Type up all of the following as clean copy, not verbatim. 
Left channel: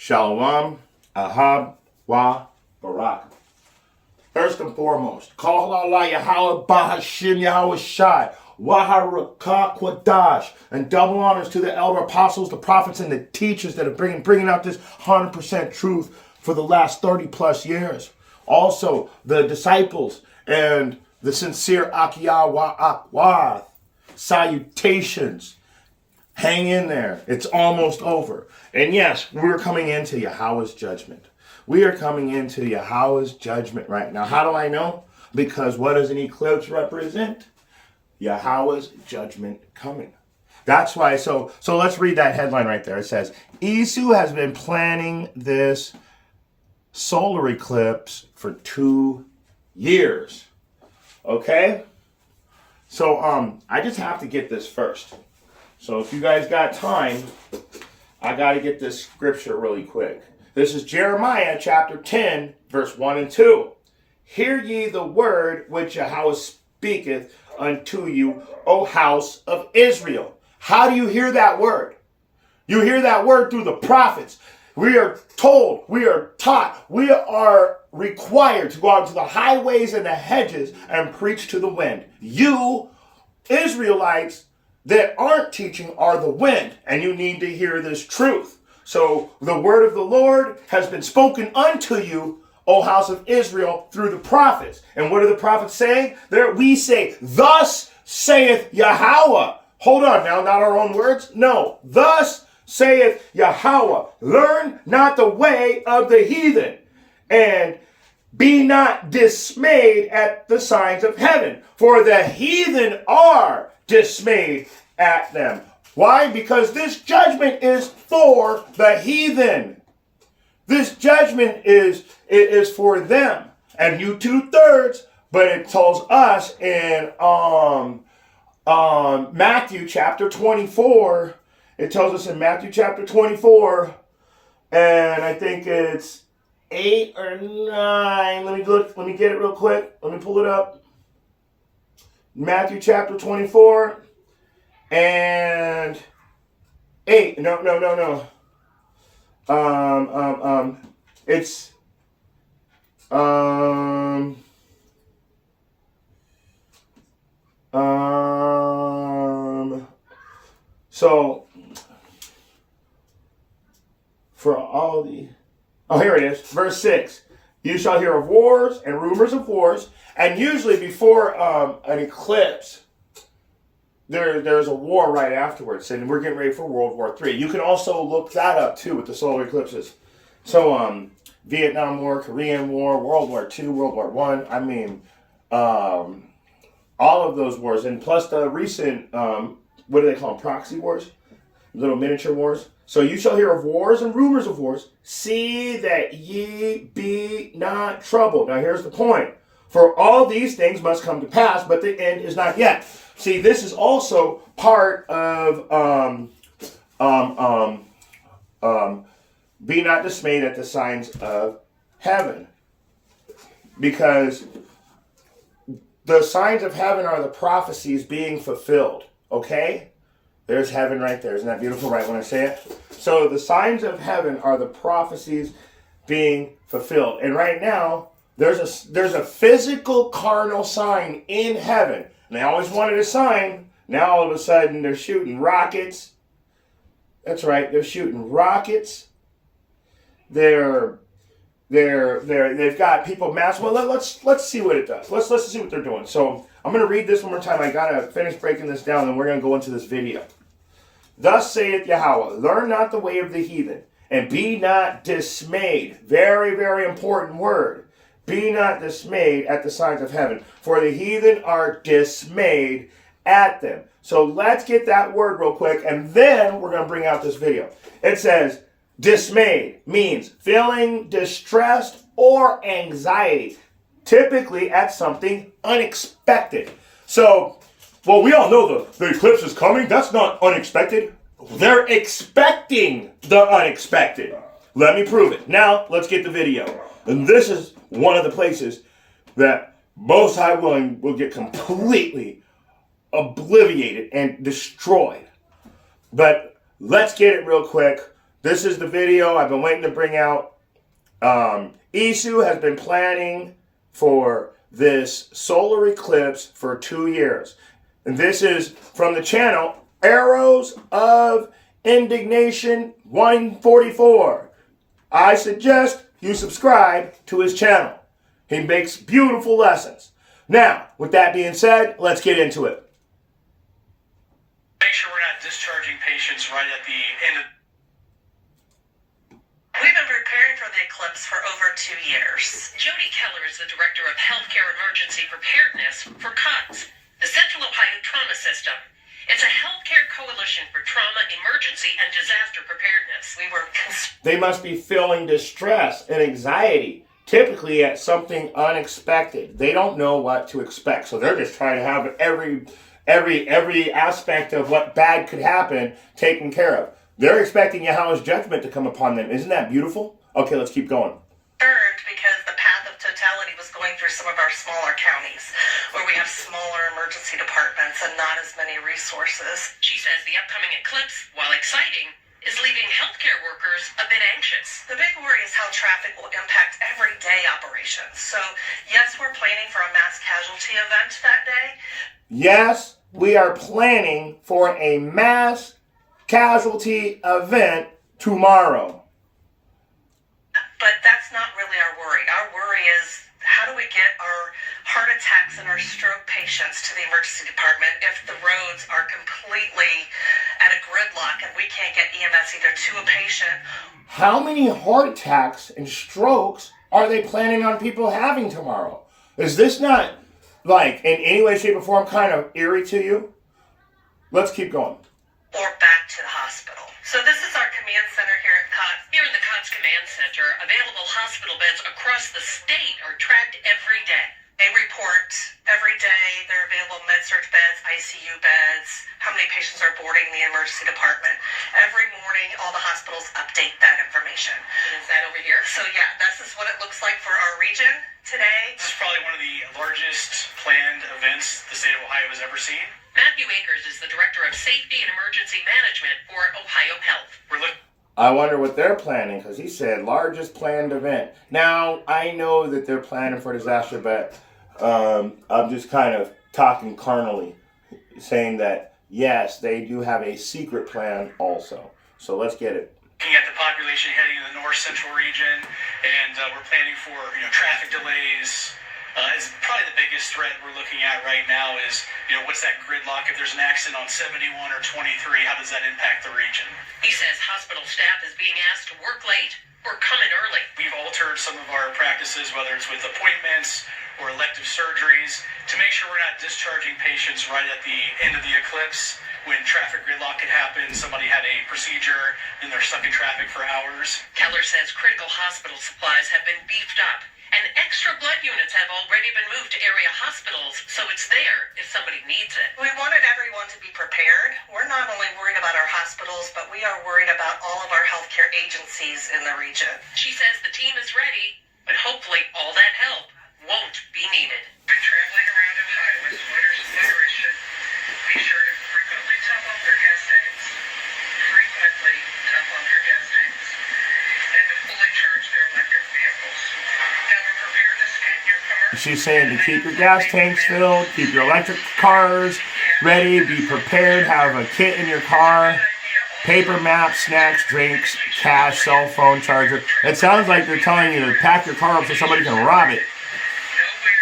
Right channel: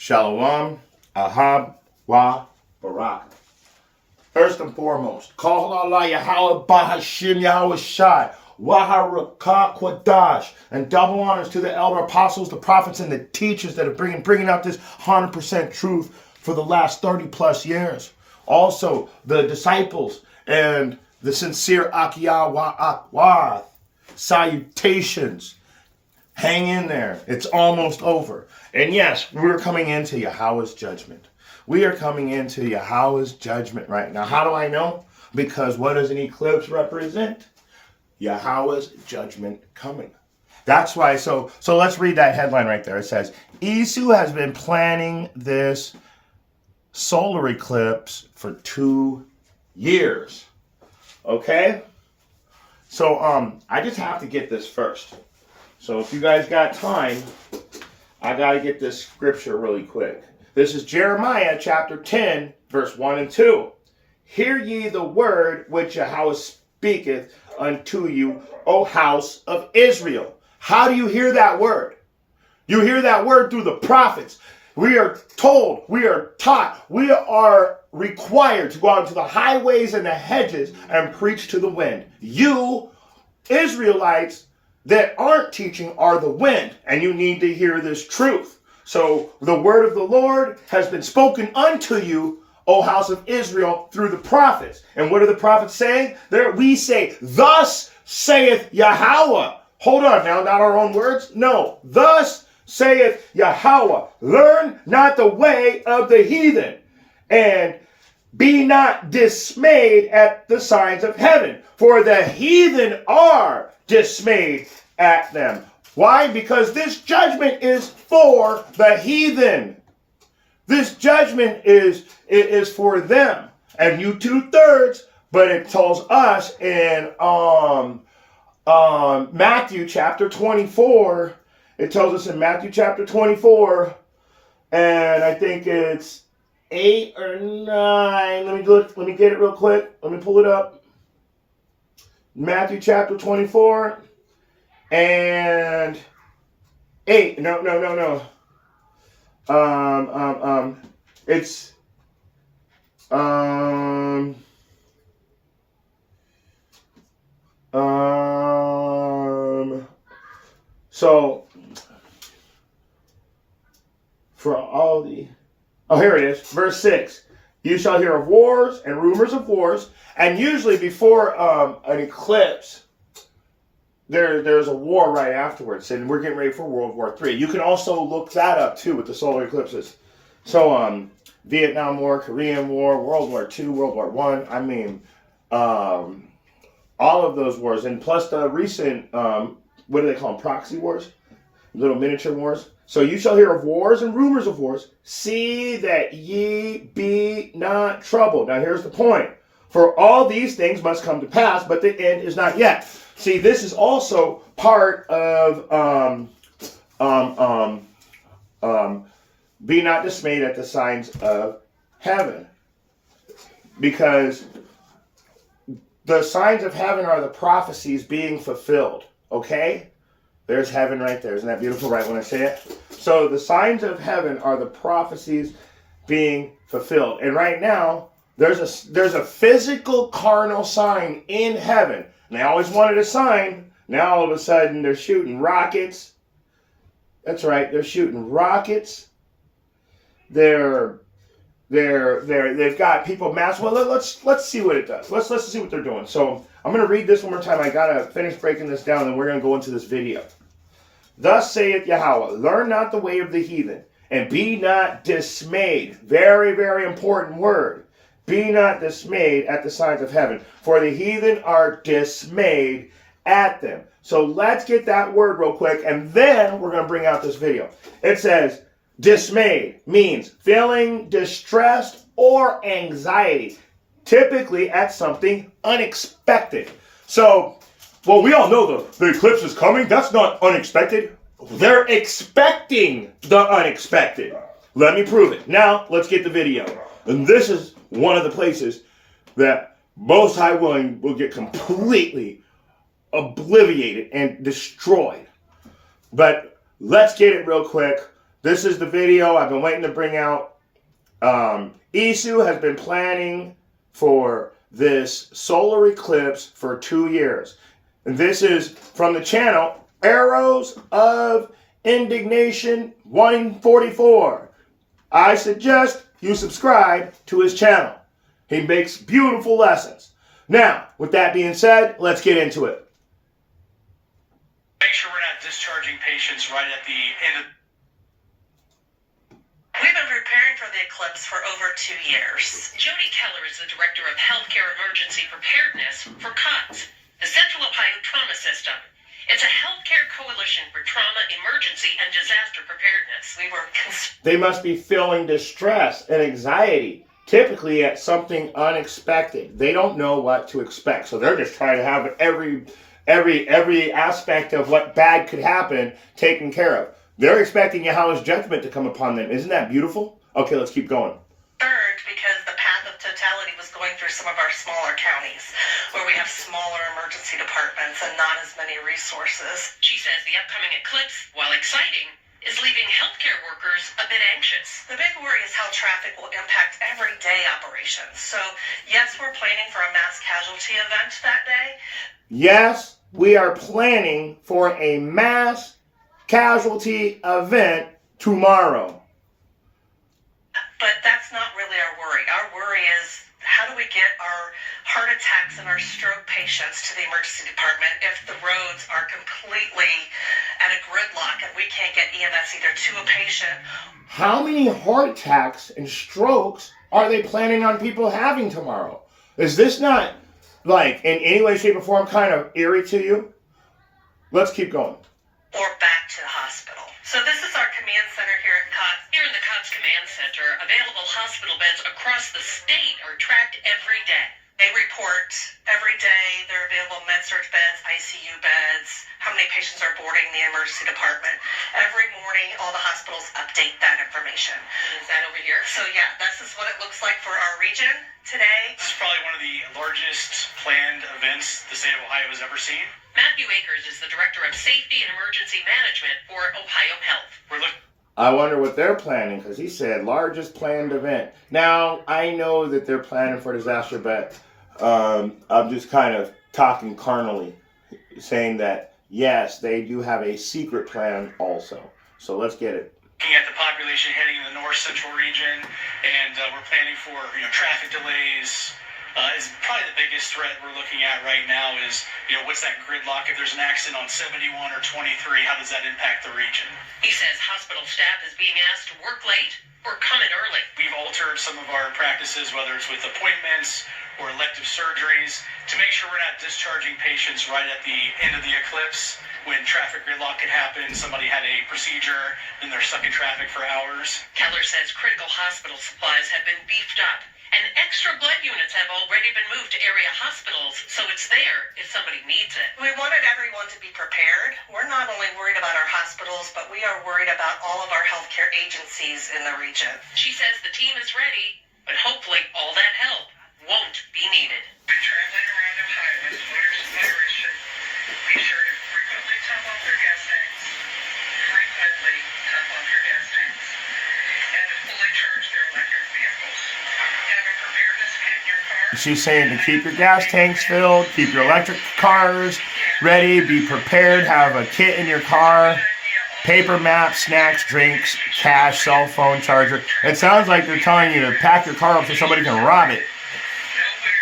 Shalom, Ahab, Wa, Barak. First and foremost, call Allah Yahweh Bahashim Yahweh Shai, Waharakah Kwadash, and double honors to the elder apostles, the prophets, and the teachers that are bringing out this 100% truth for the last 30 plus years. Also, the disciples and the sincere Akiyah Wa Akwath. Salutations. Hang in there. It's almost over. And yes, we're coming into Yahweh's judgment. We are coming into Yahweh's judgment right now. How do I know? Because what does an eclipse represent? Yahweh's judgment coming. That's why. So let's read that headline right there. It says, Isu has been planning this solar eclipse for 2 years. Okay? So I just have to get this first. So if you guys got time, I got to get this scripture really quick. This is Jeremiah chapter 10, verse 1 and 2. Hear ye the word which Yahweh speaketh unto you, O house of Israel. How do you hear that word? You hear that word through the prophets. We are told, we are taught, we are required to go out into the highways and the hedges and preach to the wind. You, Israelites, that aren't teaching are the wind, and you need to hear this truth. So the word of the Lord has been spoken unto you, O house of Israel, through the prophets. And what are the prophets saying? There we say, thus saith Yahweh. Hold on now, not our own words. No, thus saith Yahweh. Learn not the way of the heathen, and be not dismayed at the signs of heaven, for the heathen are dismayed at them. Why? Because this judgment is for the heathen. This judgment is for them. And you 2/3, but it tells us in Matthew chapter 24. It tells us in Matthew chapter 24, and I think it's 8 or 9. Let me get it real quick. Let me pull it up. Matthew chapter 24 and 8. No. It's so for all the here it is, verse 6. You shall hear of wars and rumors of wars. And usually before an eclipse, there's a war right afterwards. And we're getting ready for World War III. You can also look that up too with the solar eclipses. So Vietnam War, Korean War, World War II, World War I. I mean, all of those wars. And plus the recent, what do they call them? Proxy wars? Little miniature wars. So you shall hear of wars and rumors of wars. See that ye be not troubled. Now here's the point. For all these things must come to pass, but the end is not yet. See, this is also part of be not dismayed at the signs of heaven. Because the signs of heaven are the prophecies being fulfilled. Okay? There's heaven right there. Isn't that beautiful right when I say it? So the signs of heaven are the prophecies being fulfilled. And right now, there's a physical carnal sign in heaven. And they always wanted a sign. Now all of a sudden they're shooting rockets. That's right, they're shooting rockets. They've got people mass. Well, let's see what it does. Let's see what they're doing. So I'm going to read this one more time. I gotta finish breaking this down, and we're going to go into this video. Thus saith Yahweh, learn not the way of the heathen, and be not dismayed. Very, very important word. Be not dismayed at the signs of heaven, for the heathen are dismayed at them. So let's get that word real quick, and then we're going to bring out this video. It says, dismayed means feeling distressed or anxiety, typically at something unexpected. So, well, we all know the eclipse is coming. That's not unexpected. They're expecting the unexpected. Let me prove it. Now, let's get the video. And this is one of the places that Most High Willing will get completely obliterated and destroyed. But let's get it real quick. This is the video I've been waiting to bring out. Isu has been planning for this solar eclipse for 2 years. And this is from the channel Arrows of Indignation 144. I suggest you subscribe to his channel. He makes beautiful lessons. Now, with that being said, let's get into it. Make sure we're not discharging patients right at the end of. We've been preparing for the eclipse for over 2 years. Jody Keller is the Director of Healthcare Emergency Preparedness for COTS, the Central Ohio Trauma System. It's a healthcare coalition for trauma, emergency, and disaster preparedness. They must be feeling distress and anxiety, typically at something unexpected. They don't know what to expect, so they're just trying to have every aspect of what bad could happen taken care of. They're expecting Yahweh's judgment to come upon them. Isn't that beautiful? Okay, let's keep going. Concerned because the path of totality was going through some of our smaller counties where we have smaller emergency departments and not as many resources. She says the upcoming eclipse, while exciting, is leaving healthcare workers a bit anxious. The big worry is how traffic will impact everyday operations. So, yes, we're planning for a mass casualty event that day. Yes, we are planning for a mass casualty event tomorrow. But that's not really our worry. Our worry is, how do we get our heart attacks and our stroke patients to the emergency department if the roads are completely at a gridlock and we can't get EMS either to a patient? How many heart attacks and strokes are they planning on people having tomorrow? Is this not, like, in any way, shape, or form kind of eerie to you? Let's keep going. Or back to the hospital. So this is our command center here at COTS. Here in the COTS Command Center, available hospital beds across the state are tracked every day. They report every day their available med-surg beds, ICU beds, how many patients are boarding the emergency department. Every morning, all the hospitals update that information. And is that over here? So yeah, this is what it looks like for our region today. This is probably one of the largest planned events the state of Ohio has ever seen. Matthew Akers is the Director of Safety and Emergency Management for Ohio Health. We're looking. I wonder what they're planning, because he said largest planned event. Now, I know that they're planning for disaster, but I'm just kind of talking carnally, saying that, yes, they do have a secret plan also. So let's get it. Looking at the population heading in the north central region, and we're planning for traffic delays. Is probably the biggest threat we're looking at right now is, what's that gridlock? If there's an accident on 71 or 23, how does that impact the region? He says hospital staff is being asked to work late or come in early. We've altered some of our practices, whether it's with appointments or elective surgeries, to make sure we're not discharging patients right at the end of the eclipse when traffic gridlock could happen. Somebody had a procedure and they're stuck in traffic for hours. Keller says critical hospital supplies have been beefed up, and extra blood units have already been moved to area hospitals, so it's there if somebody needs it. We wanted everyone to be prepared. We're not only worried about our hospitals, but we are worried about all of our healthcare agencies in the region. She says the team is ready, but hopefully all that help won't be needed. Traveling around Ohio with motorists should be sure to frequently top off their gas tanks, and to fully charge their electric vehicles. Have a preparedness kit in your car. She's saying to keep your gas tanks filled, keep your electric cars ready, be prepared, have a kit in your car, paper maps, snacks, drinks, cash, cell phone charger. It sounds like they're telling you to pack your car up so somebody can rob it. Nowhere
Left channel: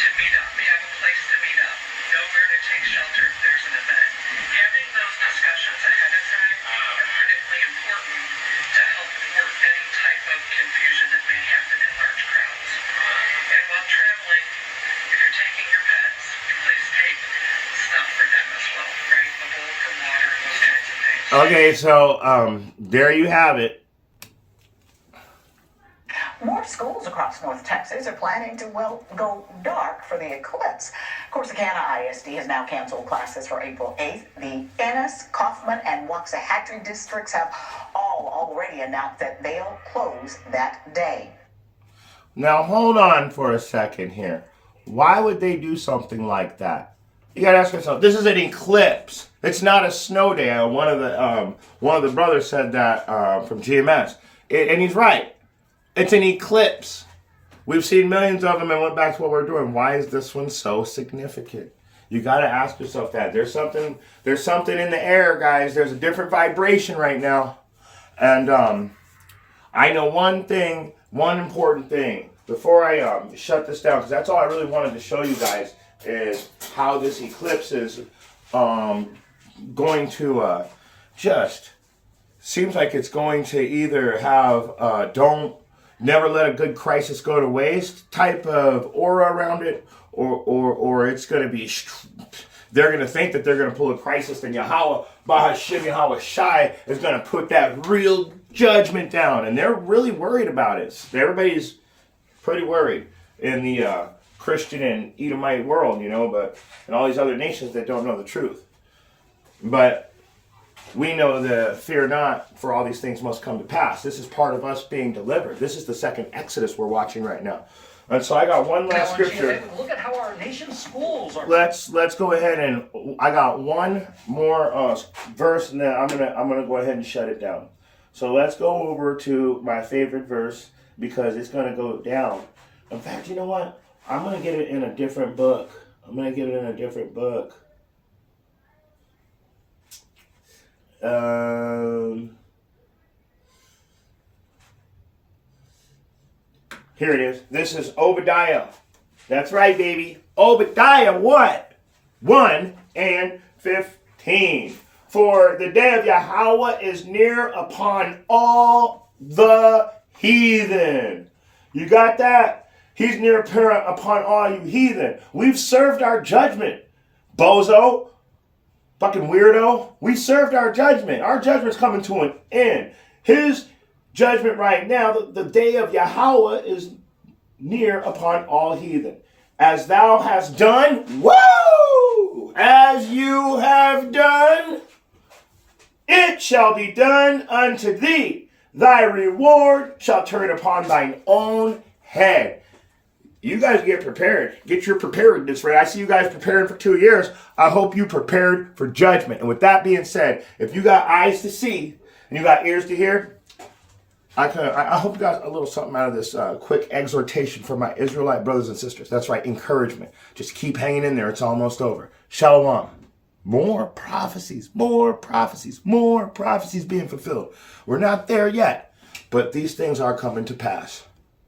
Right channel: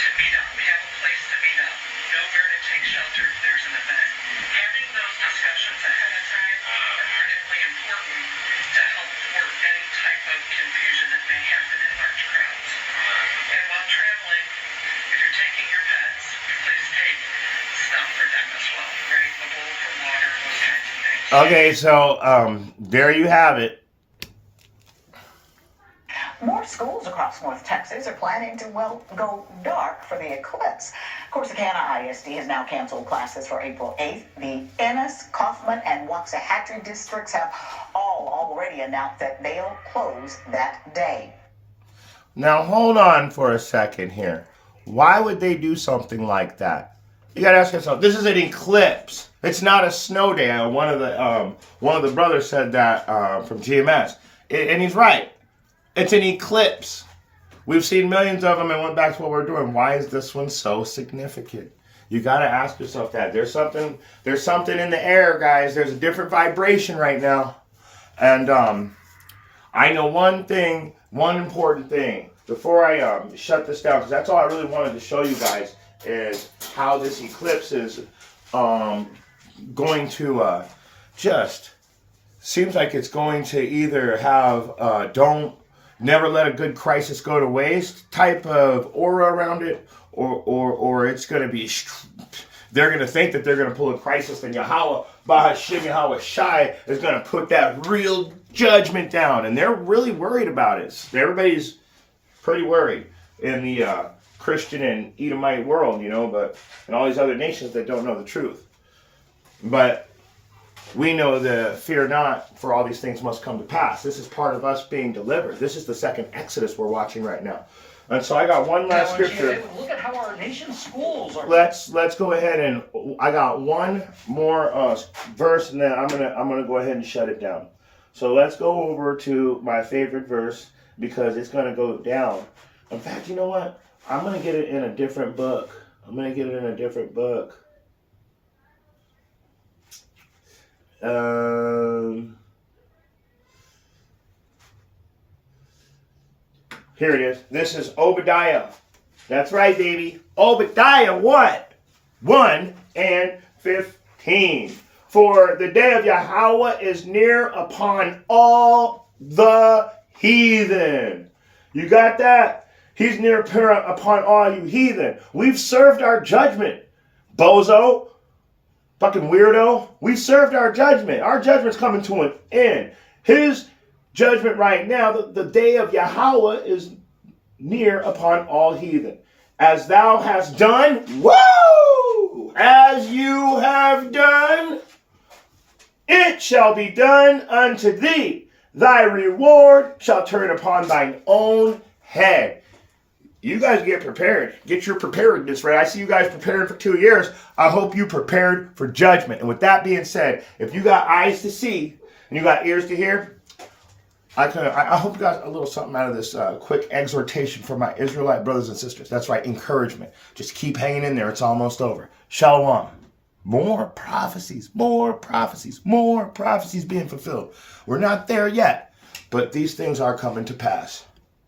to meet up. We have a place to meet up. Nowhere to take shelter if there's an event. Having those discussions ahead of time are critically important to help thwart any type of confusion that may happen in large crowds. And while traveling, if you're taking your pets, please take stuff for them as well, right? A bowl for water, those kinds of things. Okay, so there you have it. More schools across North Texas are planning to, go dark for the eclipse. Corsicana ISD has now canceled classes for April 8th. The Ennis, Kaufman, and Waxahachie districts have all already announced that they'll close that day. Now, hold on for a second here. Why would they do something like that? You gotta ask yourself, this is an eclipse. It's not a snow day. One of the brothers said that from GMS. And he's right. It's an eclipse. We've seen millions of them and went back to what we're doing. Why is this one so significant? You gotta ask yourself that. There's something in the air, guys. There's a different vibration right now. And I know one important thing, before I shut this down, because that's all I really wanted to show you guys, is how this eclipse is going to just, seems like it's going to either have don't never let a good crisis go to waste type of aura around it, or it's going to be, they're going to think that they're going to pull a crisis, and Yahweh, Bahashim Yahweh Shai, is going to put that real judgment down. And they're really worried about it. Everybody's pretty worried in the Christian and Edomite world, but and all these other nations that don't know the truth. But we know the fear not, for all these things must come to pass. This is part of us being delivered. This is the second Exodus we're watching right now. And so I got one last scripture. Look at how our nation's schools are. Let's go ahead, and I got one more verse, and then I'm gonna go ahead and shut it down. So let's go over to my favorite verse, because it's gonna go down. In fact, you know what? I'm gonna get it in a different book. Here it is. This is Obadiah. That's right, baby. Obadiah what? 1:15. For the day of Yahweh is near upon all the heathen. You got that? He's near upon all you heathen. We've served our judgment. Bozo. Fucking weirdo. We served our judgment. Our judgment's coming to an end. His judgment right now, the day of Yahweh is near upon all heathen. As thou hast done, woo! As you have done, it shall be done unto thee. Thy reward shall turn upon thine own head. You guys get prepared. Get your preparedness right. I see you guys preparing for 2 years. I hope you prepared for judgment. And with that being said, if you got eyes to see and you got ears to hear, I hope you got a little something out of this quick exhortation for my Israelite brothers and sisters. That's right, encouragement. Just keep hanging in there. It's almost over. Shalom. More prophecies being fulfilled. We're not there yet, but these things are coming to pass.